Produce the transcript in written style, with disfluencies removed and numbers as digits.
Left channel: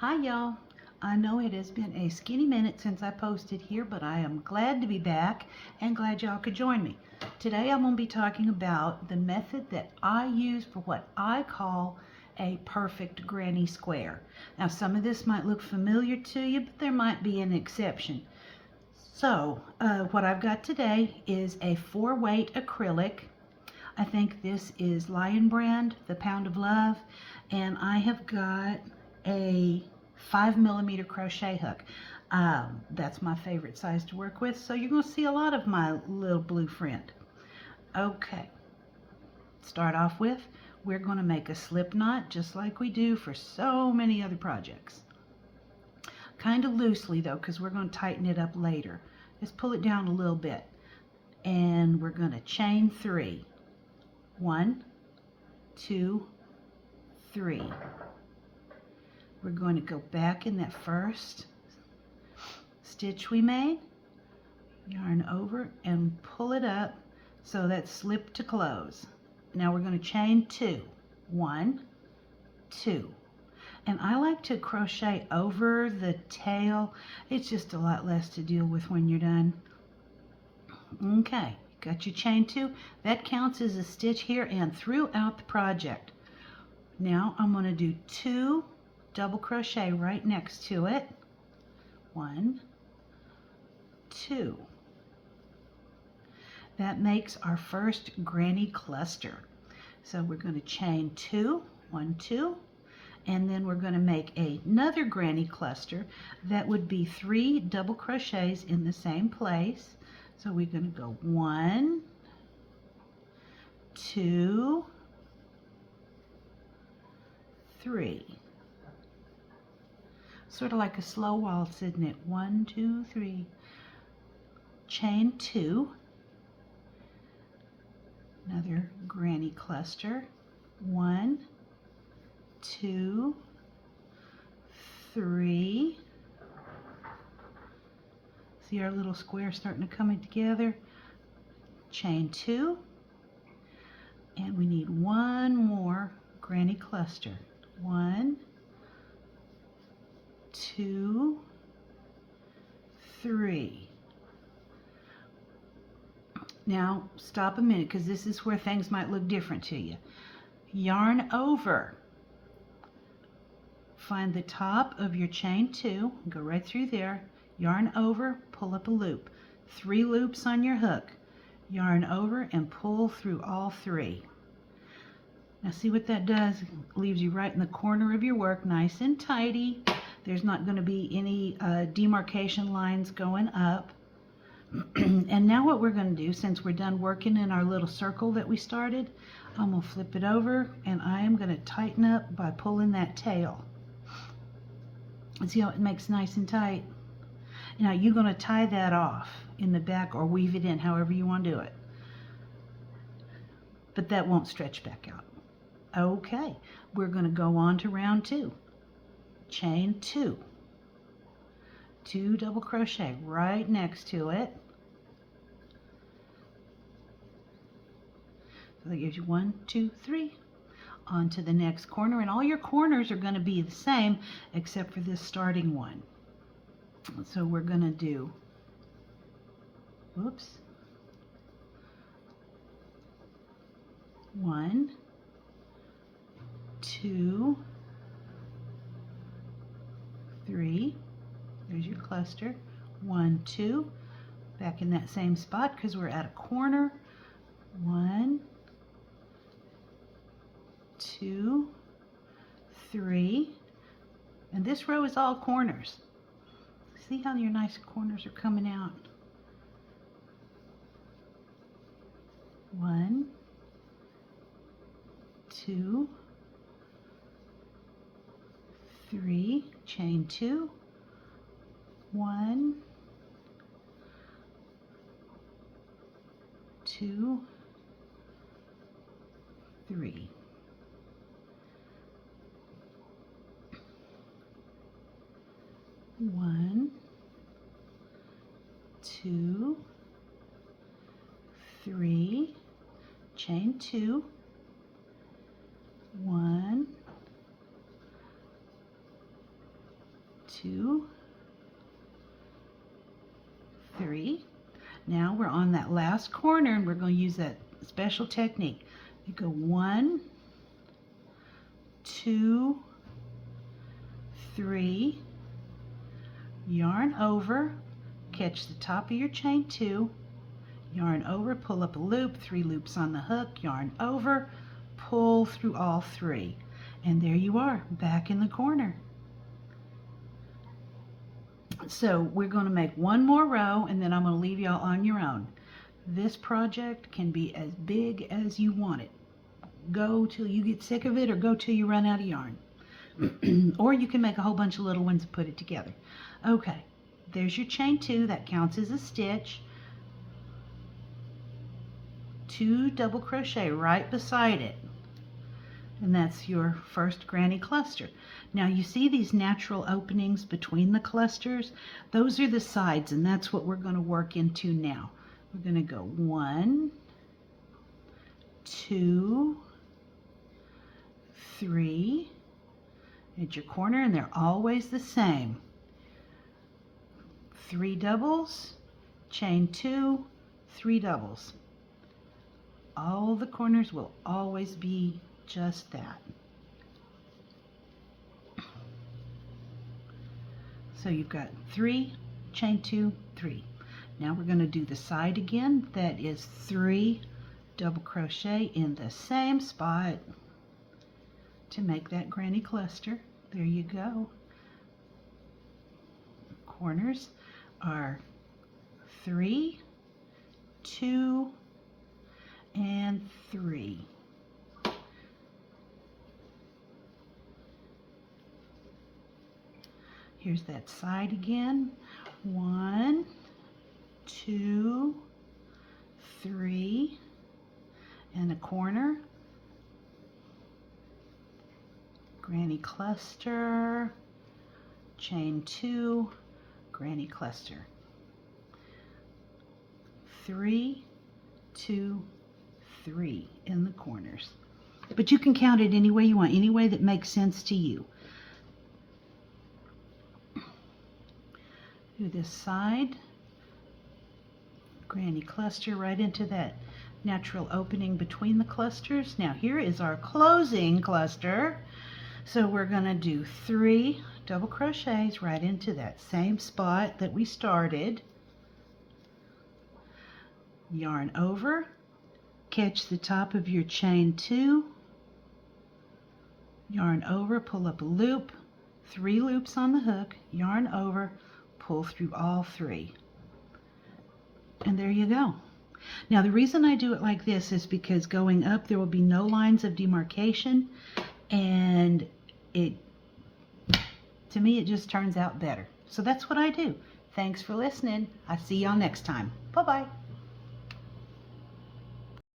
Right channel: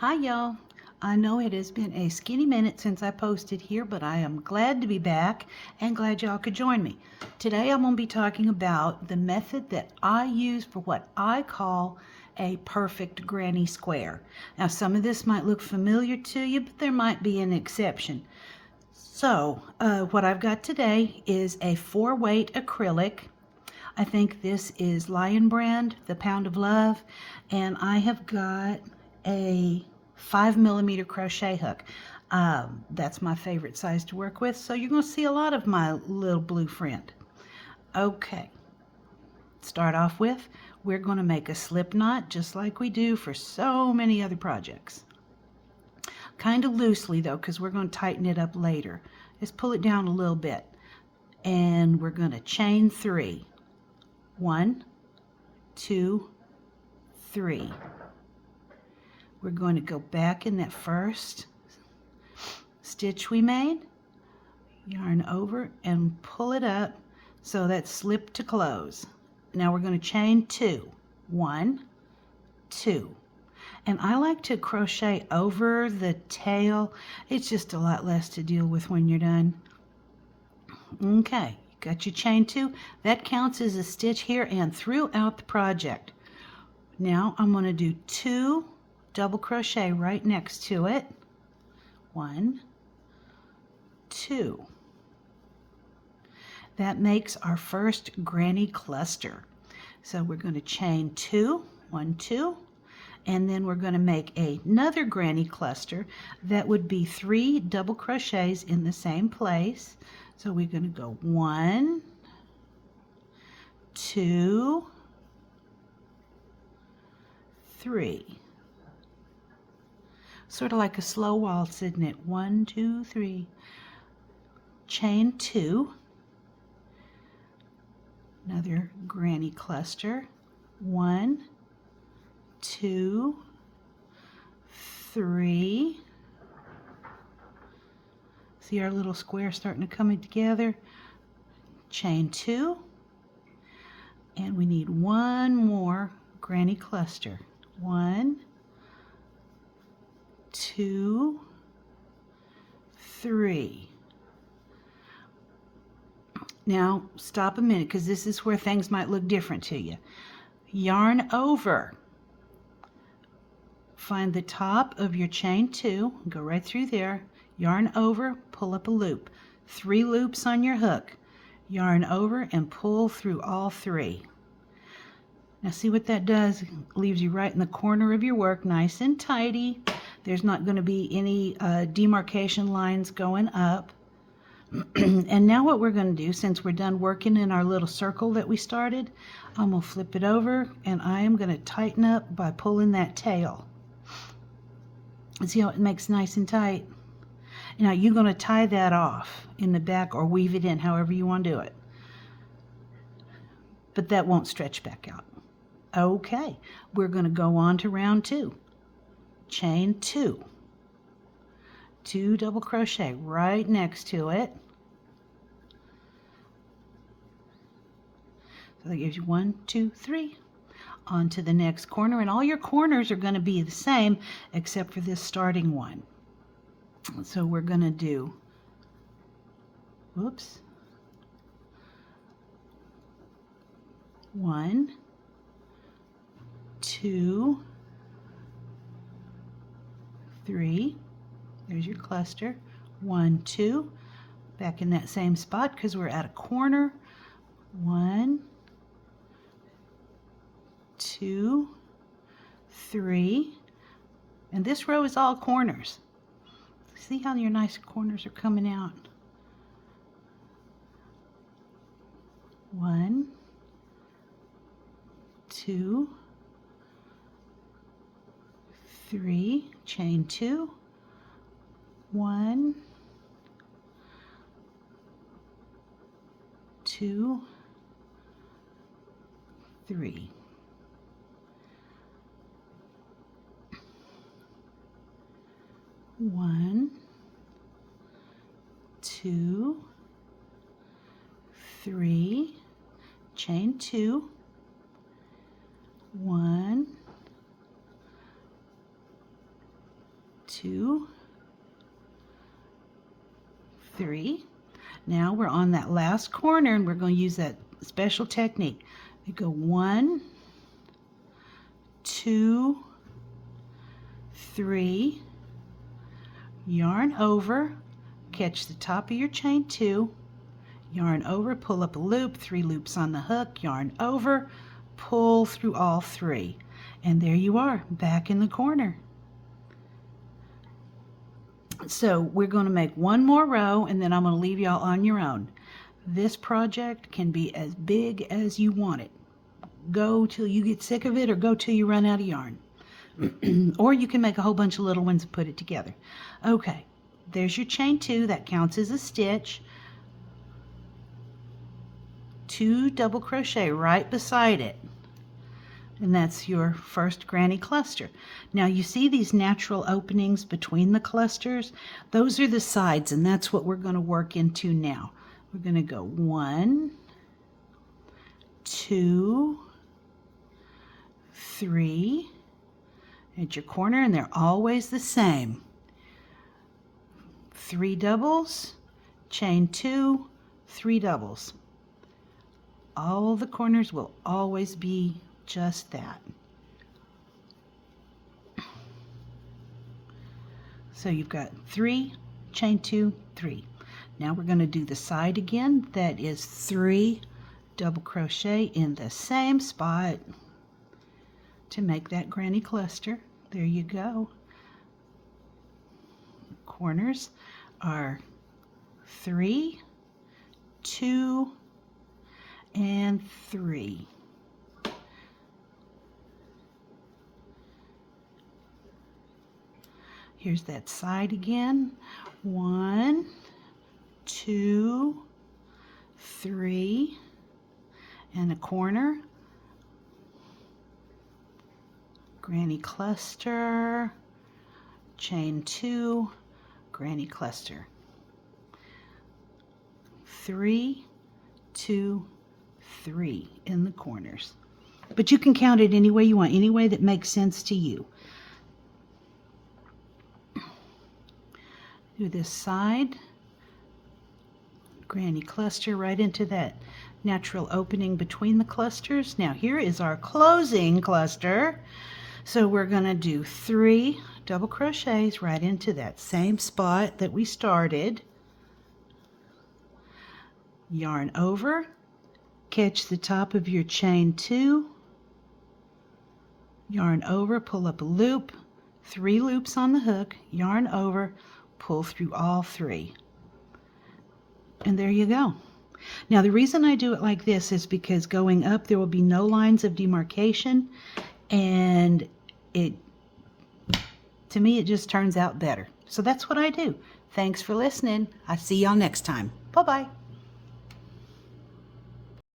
Hi y'all. I know it has been a skinny minute since I posted here, but I am glad to be back and glad y'all could join me. Today I'm going to be talking about the method that I use for what I call a perfect granny square. Now some of this might look familiar to you, but there might be an exception. So what I've got today is a 4-weight acrylic. I think this is Lion Brand, the Pound of Love, and I have got a 5mm crochet hook. That's my favorite size to work with, so you're going to see a lot of my little blue friend. Okay, start off with, we're going to make a slip knot just like we do for so many other projects. Kind of loosely though, because we're going to tighten it up later. Just pull it down a little bit, and we're going to chain 3. 1, 2, 3. We're going to go back in that first stitch we made, yarn over and pull it up so that's slip to close. Now we're going to chain 2. 1, 2. And I like to crochet over the tail. It's just a lot less to deal with when you're done. Okay, got your chain 2. That counts as a stitch here and throughout the project. Now I'm going to do 2 double crochet right next to it. 1, 2. That makes our first granny cluster. So we're going to chain 2, 1, 2, and then we're going to make another granny cluster that would be 3 double crochets in the same place. So we're going to go 1, 2, 3. Sort of like a slow waltz, isn't it? 1, 2, 3. Chain 2. Another granny cluster. 1, 2, 3. See our little square starting to come together. Chain 2. And we need one more granny cluster. 1, 2, 3. Now stop a minute, because this is where things might look different to you. Yarn over. Find the top of your chain 2, go right through there, yarn over, pull up a loop. 3 loops on your hook. Yarn over and pull through all 3. Now see what that does? Leaves you right in the corner of your work, nice and tidy. There's not going to be any demarcation lines going up. And now what we're going to do, since we're done working in our little circle that we started, I'm going to flip it over and I am going to tighten up by pulling that tail. See how it makes nice and tight? Now you're going to tie that off in the back or weave it in, however you want to do it. But that won't stretch back out. Okay, we're going to go on to round 2. Chain 2. 2 double crochet right next to it. So that gives you 1, 2, 3. On to the next corner, and all your corners are going to be the same except for this starting one. So we're going to do, whoops, 1, 2, 3. There's your cluster. 1, 2. Back in that same spot because we're at a corner. 1, 2, 3. And this row is all corners. See how your nice corners are coming out? 1, 2, 3. Chain 2. 1, 2, 3. One, 2, 3, chain 2, 1, 2, 3. Now we're on that last corner and we're going to use that special technique. You go 1, 2, 3, yarn over, catch the top of your chain 2, yarn over, pull up a loop, 3 loops on the hook, yarn over, pull through all 3. And there you are, back in the corner. So we're going to make one more row and then I'm going to leave y'all on your own. This project can be as big as you want it. Go till you get sick of it or go till you run out of yarn. Or you can make a whole bunch of little ones and put it together. Okay, there's your chain 2. That counts as a stitch. 2 double crochet right beside it. And that's your first granny cluster. Now you see these natural openings between the clusters? Those are the sides, and that's what we're going to work into now. We're going to go 1, 2, 3 at your corner, and they're always the same. 3 doubles, chain 2, 3 doubles. All the corners will always be just that. So you've got 3, chain 2, 3. Now we're going to do the side again. That is 3 double crochet in the same spot to make that granny cluster. There you go. Corners are 3, 2, and 3. Here's that side again. 1, 2, 3, and a corner. Granny cluster, chain 2, granny cluster. 3, 2, 3 in the corners. But you can count it any way you want, any way that makes sense to you. Do this side, granny cluster right into that natural opening between the clusters. Now here is our closing cluster. So we're going to do 3 double crochets right into that same spot that we started. Yarn over, catch the top of your chain 2, yarn over, pull up a loop, 3 loops on the hook, yarn over, pull through all 3. And there you go. Now the reason I do it like this is because going up there will be no lines of demarcation, and to me it just turns out better. So that's what I do. Thanks for listening. I see y'all next time. Bye-bye.